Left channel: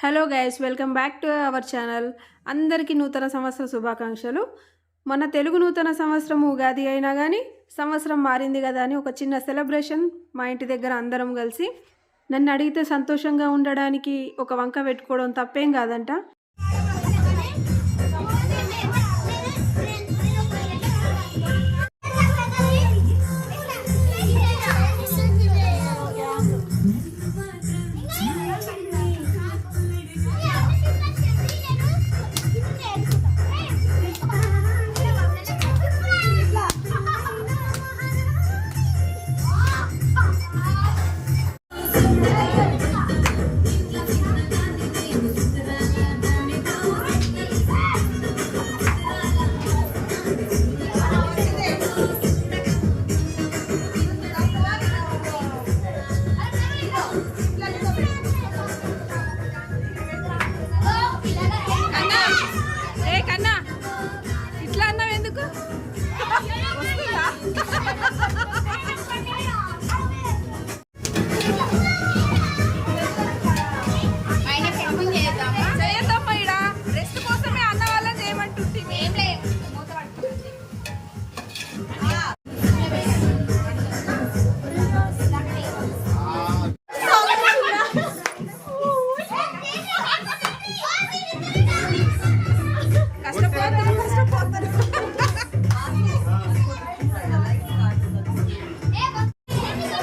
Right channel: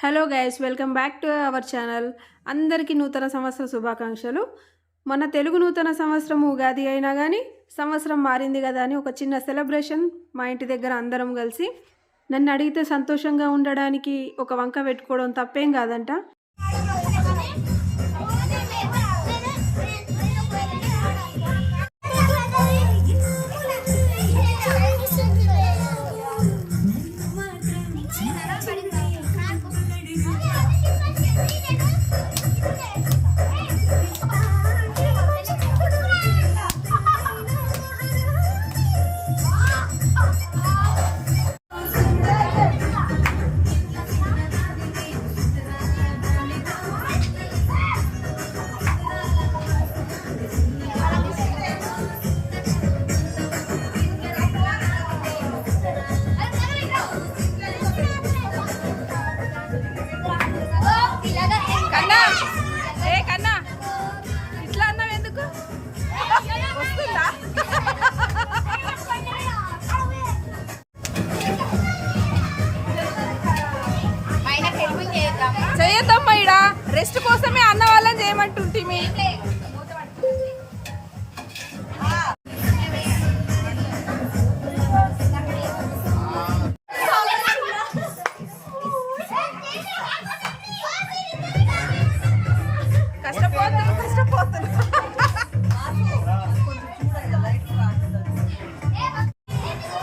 Hello guys welcome back to our channel అందరికీ నూతన సంవత్సర శుభాకాంక్షలు. మన తెలుగు నూతన సంవత్సరం ఉగాది అయినా కానీ సంవత్సరం మారింది కదా అని ఒక చిన్న సెలబ్రేషన్ మా ఇంటి దగ్గర అందరం కలిసి నన్ను అడిగితే సంతోషంగా ఉండడానికి ఒక వంక పెట్టుకోవడం తప్పేం కాదంట.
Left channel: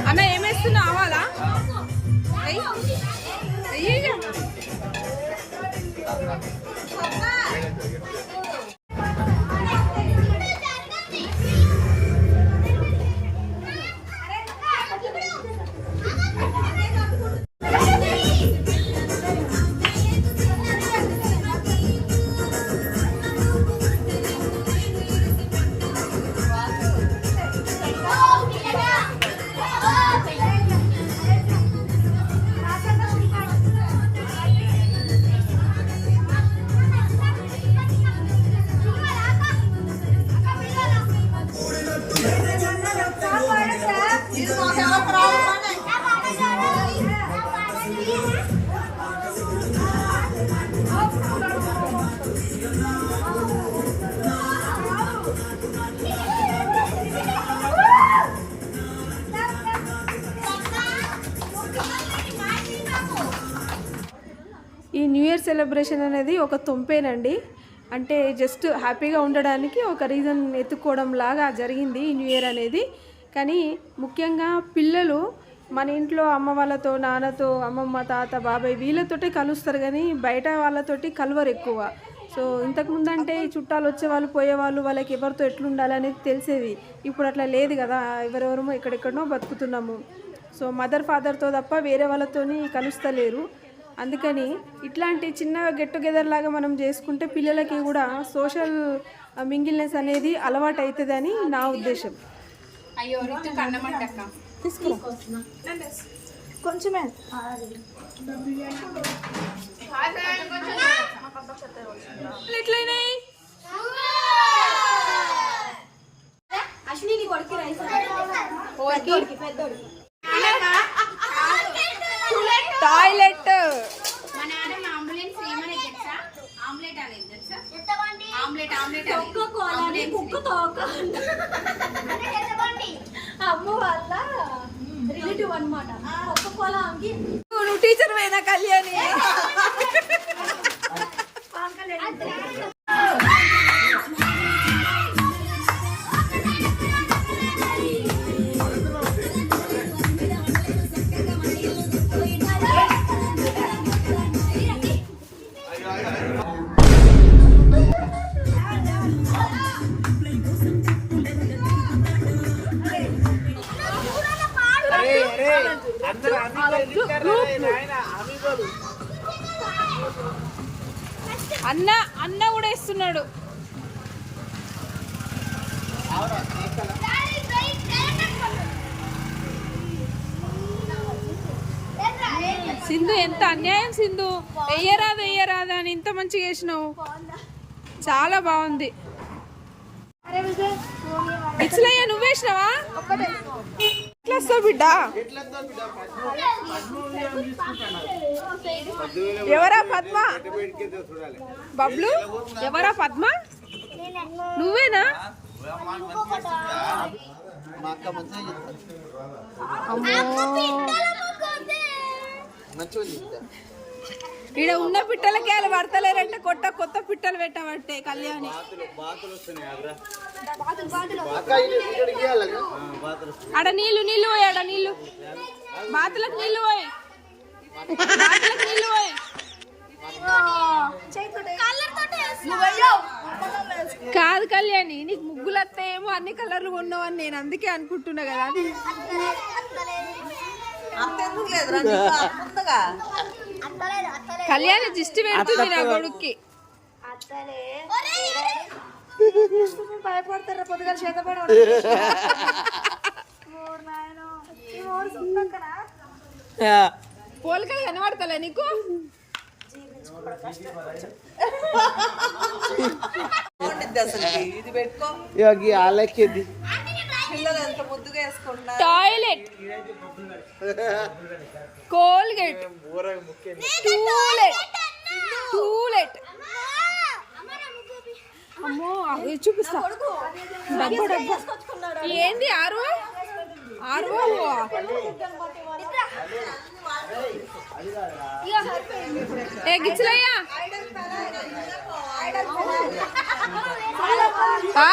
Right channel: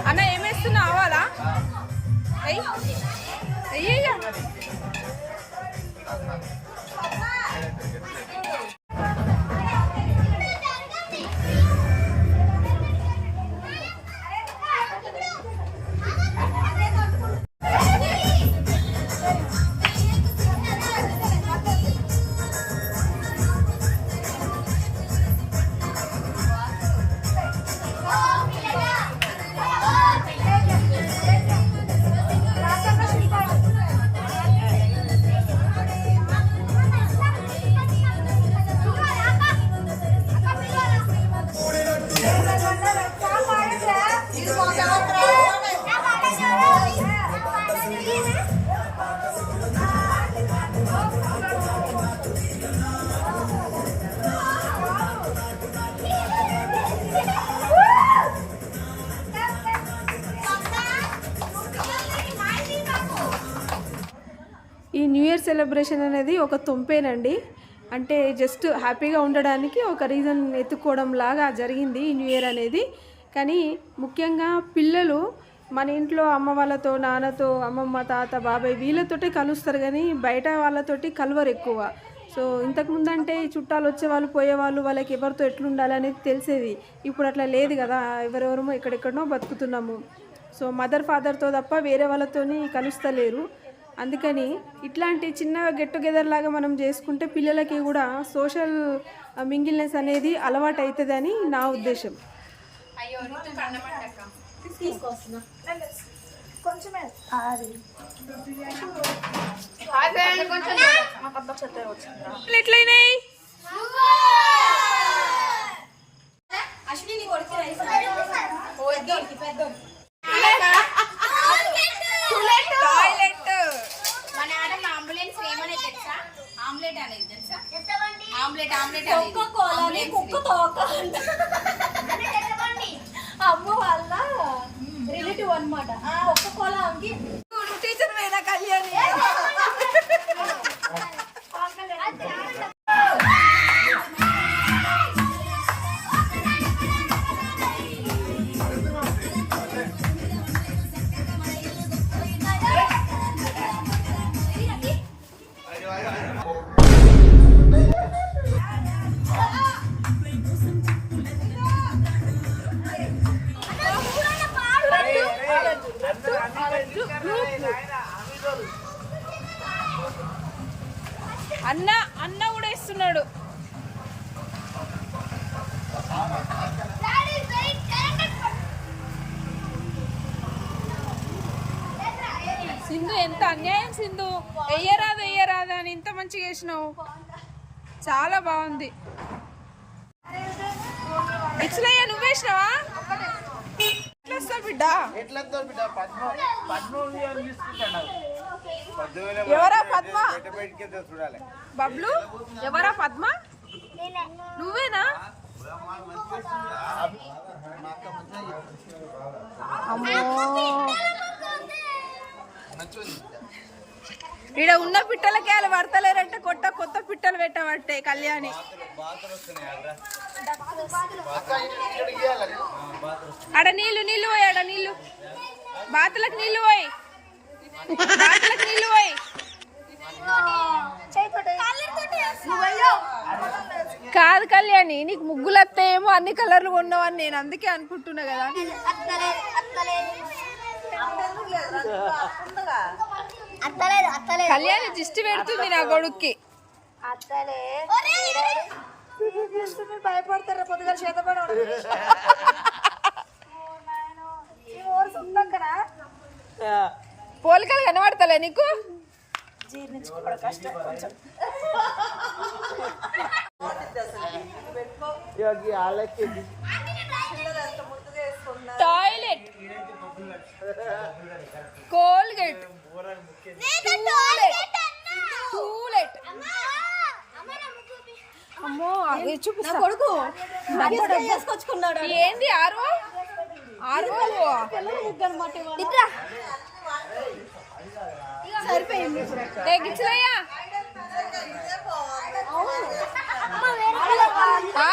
అన్న ఏమేస్తున్నా అవాలా సెలబ్రేషన్ అనేది ఒక తొంపేనండి. అంటే జస్ట్ హ్యాపీగా ఉండడానికి ఒక రీజన్ ఎత్తుకోవడం లాగా జరిగింది ఈ న్యూ ఇయర్ అనేది. కానీ ముఖ్యంగా పిల్లలు మన ఇంట్లో అమ్మ వాళ్ళతో నాన్నతో అమ్మమ్మ తాత బాబాయ్ వీళ్ళతోటే కలుస్తారు కానీ బయట వాళ్ళతోటి కలవరు ఎక్కువ. సో ఇంతకుముందు అంటే చుట్టాలు వచ్చేవాళ్ళు పోయేవాళ్ళు వాళ్ళకి ఎవరితో ఎట్లుండాలి అనేది తెలిసేది. ఇప్పుడు అట్లా లేదు కదా ఎవరెవరమో ఎక్కడెక్కడనో బతుకుతున్నాము. సో మదర్ ఫాదర్తో తప్ప వేరే వాళ్ళతోని కలుస్తలేరు. అందుకని ఇట్లాంటి చిన్న గెట్ టుగెదర్ లాగా మనం చేసుకుంటే పిల్లలకి కూడా సోషల్ మింగిల్నెస్ అనేది అలవాటు అవుతుందని నా ఉద్దేశం. కొంచెమే. ఎట్లయినాయి? అశ్విని కొడుకు టాయిలెట్. మన ఆడమ అంబులెన్స్ తెలుసా? ఆమ్లెట్ అనేది తెలుసా? ఆమ్లెట్ ఆమ్లెట్ కుక్క కోలని కుక్క తోక అమ్మ వాళ్ళ రిలేటివ్ అన్నమాట. కుక్క కోల టీచర్ వేనా కళ్యాణి? అన్న అన్న కూడా ఇస్తున్నాడు. సింధు ఎంత అన్యాయం సింధు. వెయ్యరాదు వెయ్యరాదు అని ఇంత మంచిగా వేసినావు. చాలా బాగుంది. ఇట్లయ్యా నువ్వేసినావా వస్తావు బిడ్డ. పద్మ ఎవరా పద్మ? చూడాలి బబ్లు? ఎవరా పద్మ? నువ్వేనా? అమ్మో. ఇక్కడ ఈడ ఉన్న పిట్టలకి వాళ్ళు పడతలేరంటే కొత్త కొత్త పిట్టలు పెట్టబట్టే కళ్యాణి ఆడ నీళ్ళు నీళ్ళు పోయి ఆడ నీళ్ళు బాతులకు నీళ్ళు పోయి బాతులకు పోయి కాదు కళ్యాణి నీకు ముగ్గులు వస్తాయేమో అన్ని కలర్లు కొన్నావని నేను అందుకే అనుకుంటున్నా కదా కళ్యాణి దిష్టి పెడుతుంది నా కొడుక్కి. అత్తలే. భయపడతారా? పొద్దుగా చేతపడ పోలికలు కనబడతలే నీకు? ఈ ఆలెక్కింది toilet Colgate to let to let అమ్మో అవి చూపిస్తా. డబ్బా డబ్బా. ఏంది ఆర్వో? ఆర్వో? ఏ గిచ్చలయ్యా ఆ,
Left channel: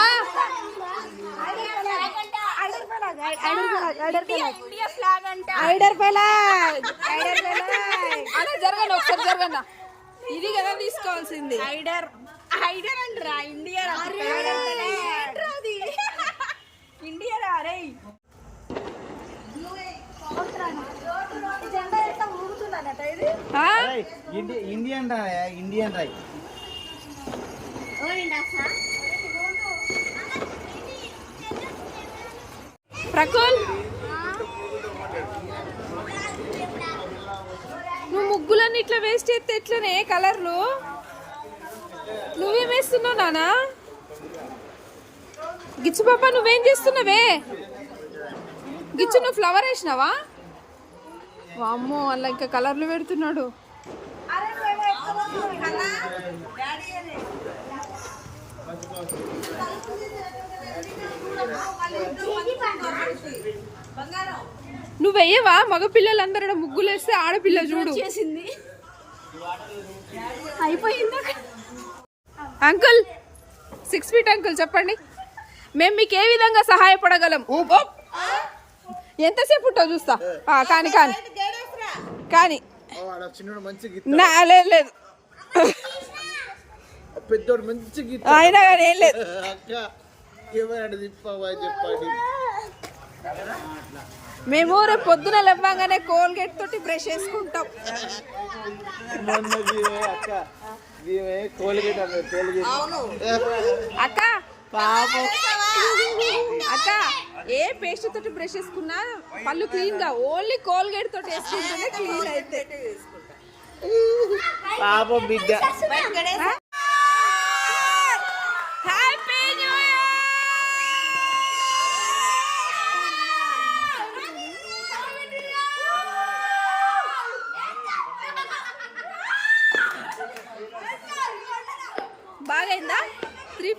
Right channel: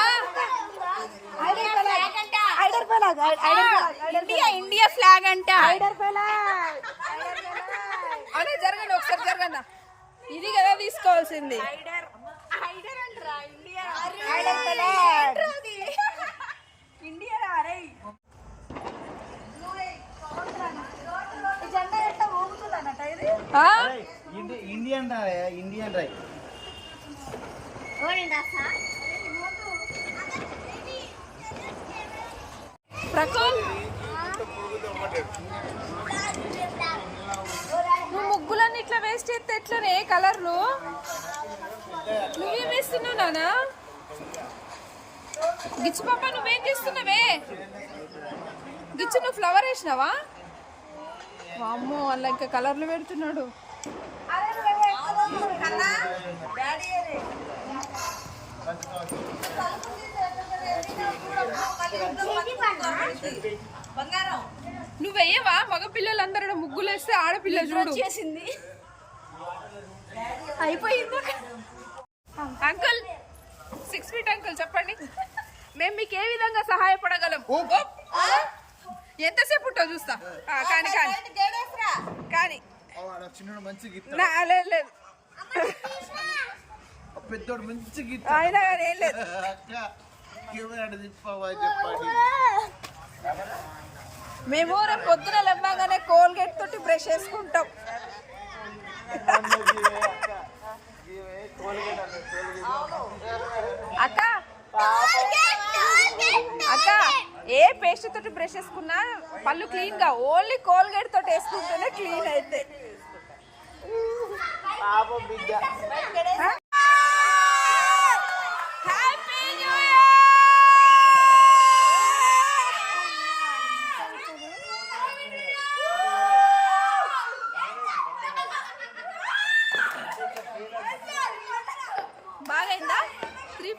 ఇండియా ఫ్లాగ్ అంట. అన్న జరగండి ఒకసారి జరగండి. ఇది కదా తీసుకోవాల్సింది. హైడర్ హైడర్ అంటరా ఇండియా ఇండియా రే ఈ జెండా ఎంత ఊగుతుందన్నట ఇది ఆ? ఇండియన్ రా ఇండియన్ రై. ప్రకుల్? నువ్వు ముగ్గులన్నీ ఇట్లా వేస్ట్ చేస్తే ఎట్లనే? కలర్లు? నువ్వేం వేస్తున్నావు నానా గిచ్చు పాప నువ్వేం చేస్తున్నావే? గిచ్చు నువ్వు ఫ్లవర్ వేసినావా? అమ్మో అలా ఇంకా కలర్లు పెడుతున్నాడు. నువ్వు వెయ్యవా? మగ పిల్లలందరూ ముగ్గులు వేస్తే ఆడపిల్ల చూడు. చేసింది. అయిపోయింది? అంకుల్ సిక్స్ ఫీట్ అంకుల్ చెప్పండి. మేము మీకు ఏ విధంగా సహాయపడగలం. ఎంతసేపు ఉంటావు చూస్తా? కానీ కానీ. కానీ. లేదు లేదు. పెద్దోడు మంచి గీత. అయినా కానీ ఏం లేదు. అక్క కెమెరా తిప్పావా చెప్పండి. మేము రేపు పొద్దున లేవగానే కోల్గేట్ తోటి బ్రష్ వేసుకుంటాం అక్క అక్క అక్క ఏ పేస్ట్ తోటి బ్రష్ వేసుకున్నా పళ్ళు క్లీన్గా ఓన్లీ కోల్గేట్ తోటి వేసుకుంటేనే క్లీన్ అయితే. పాపం బిడ్డ.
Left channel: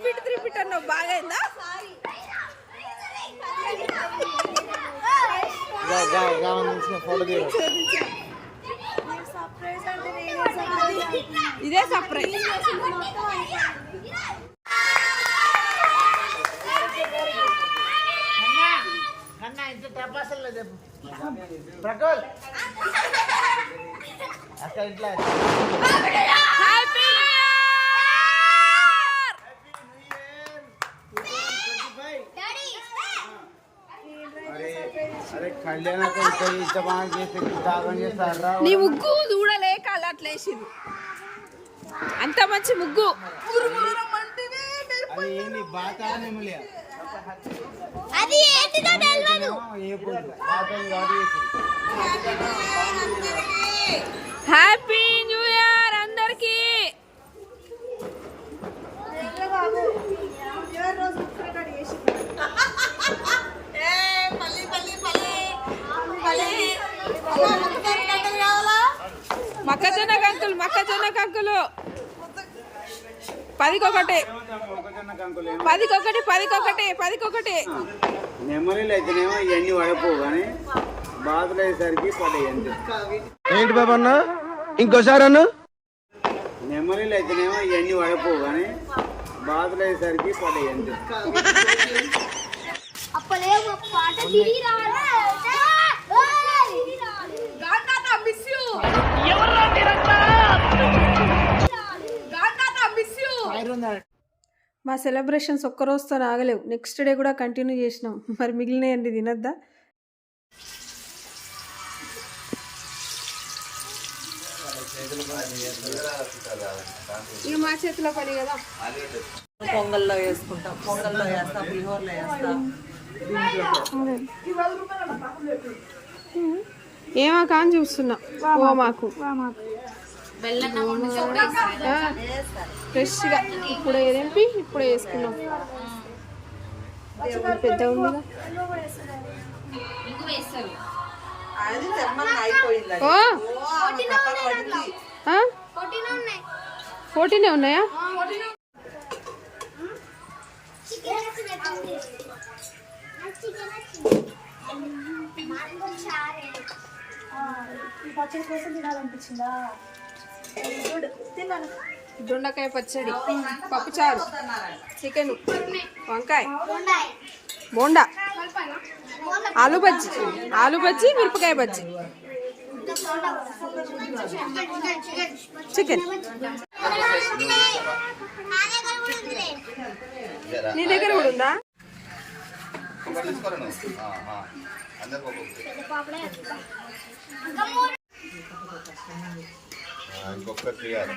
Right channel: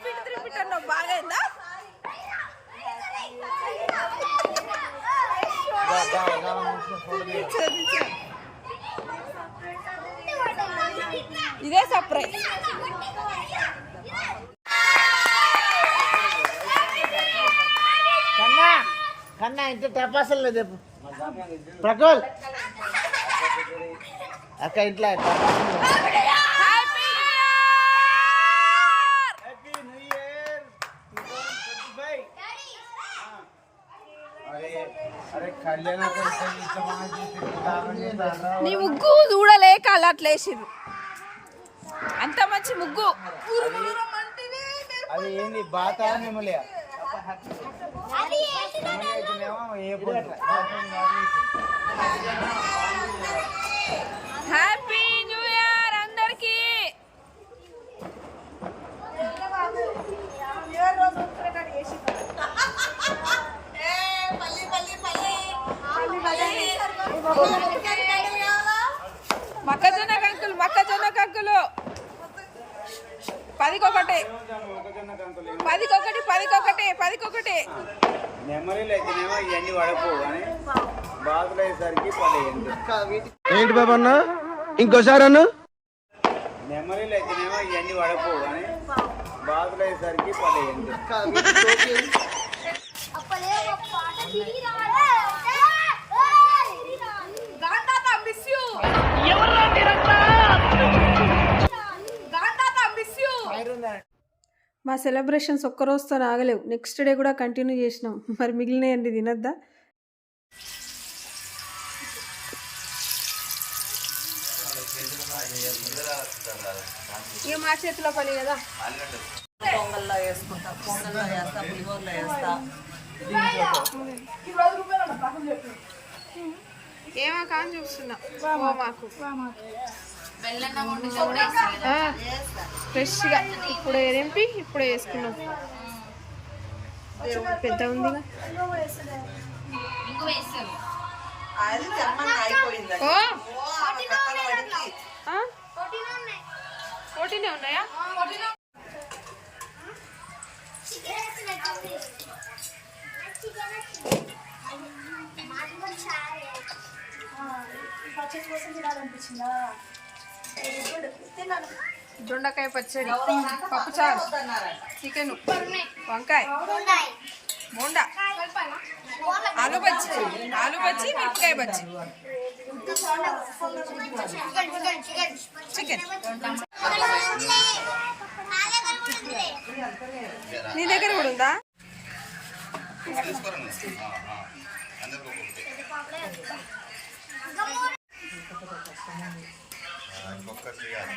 త్రీ ఫీట్ అన్నావు. బాగైందా? ఇదే సర్ప్రైజ్. కన్నా కన్నా ఇంత టపాసులు లేదు ప్రకోల్ అక్క ఇంట్లో హ్యాపీ అరే నీ ముగ్గు చూడలేక అలా అట్లేసింది అంత మంచి ముగ్గు. హ్యాపీ పదికొకటి. పదికొకటి పదికొకటి పదికొకటి. మెమరీలు అయితేనేమో ఇవన్నీ పడపోవు కానీ బాధలు అయ్యేసరికి అంతే ఏంటి బాబు అన్న? ఇంకోసారి అన్న? మెమరీలు అయితేనేమో ఇవన్నీ పడపోవు కానీ బాధలు అయ్యేసరికి పడేవి అంతే అప్పలే మా సెలబ్రేషన్స్ ఒక్క రోజుతో ఆగలేవు. నెక్స్ట్ డే కూడా కంటిన్యూ చేసినాం. మరి మిగిలినయండి తినద్దా? ఇక మా చేతిలో పని కదా. పొంగల్లో వేసుకుంటాం పొంగల్లో వేస్తాం పులిహోరలో వేస్తాం. ఏమా కాని చూస్తున్నా. మాకు ఫ్రెష్గా. ఇప్పుడే తెంపి ఇప్పుడే వేసుకున్నాం పెద్ద ఉందిగా ఫోర్టీనే ఉన్నాయా? అది తెమ్మని దొండకాయ పచ్చడి. పప్పుచారు చికెన్. వంకాయ. బోండా. ఆలు బజ్జి. ఆలు బజ్జి మిరపకాయ బజ్జి. చికెన్. నీ దగ్గర కూడా ఉందా? ఇంకొకటి చేయాలి.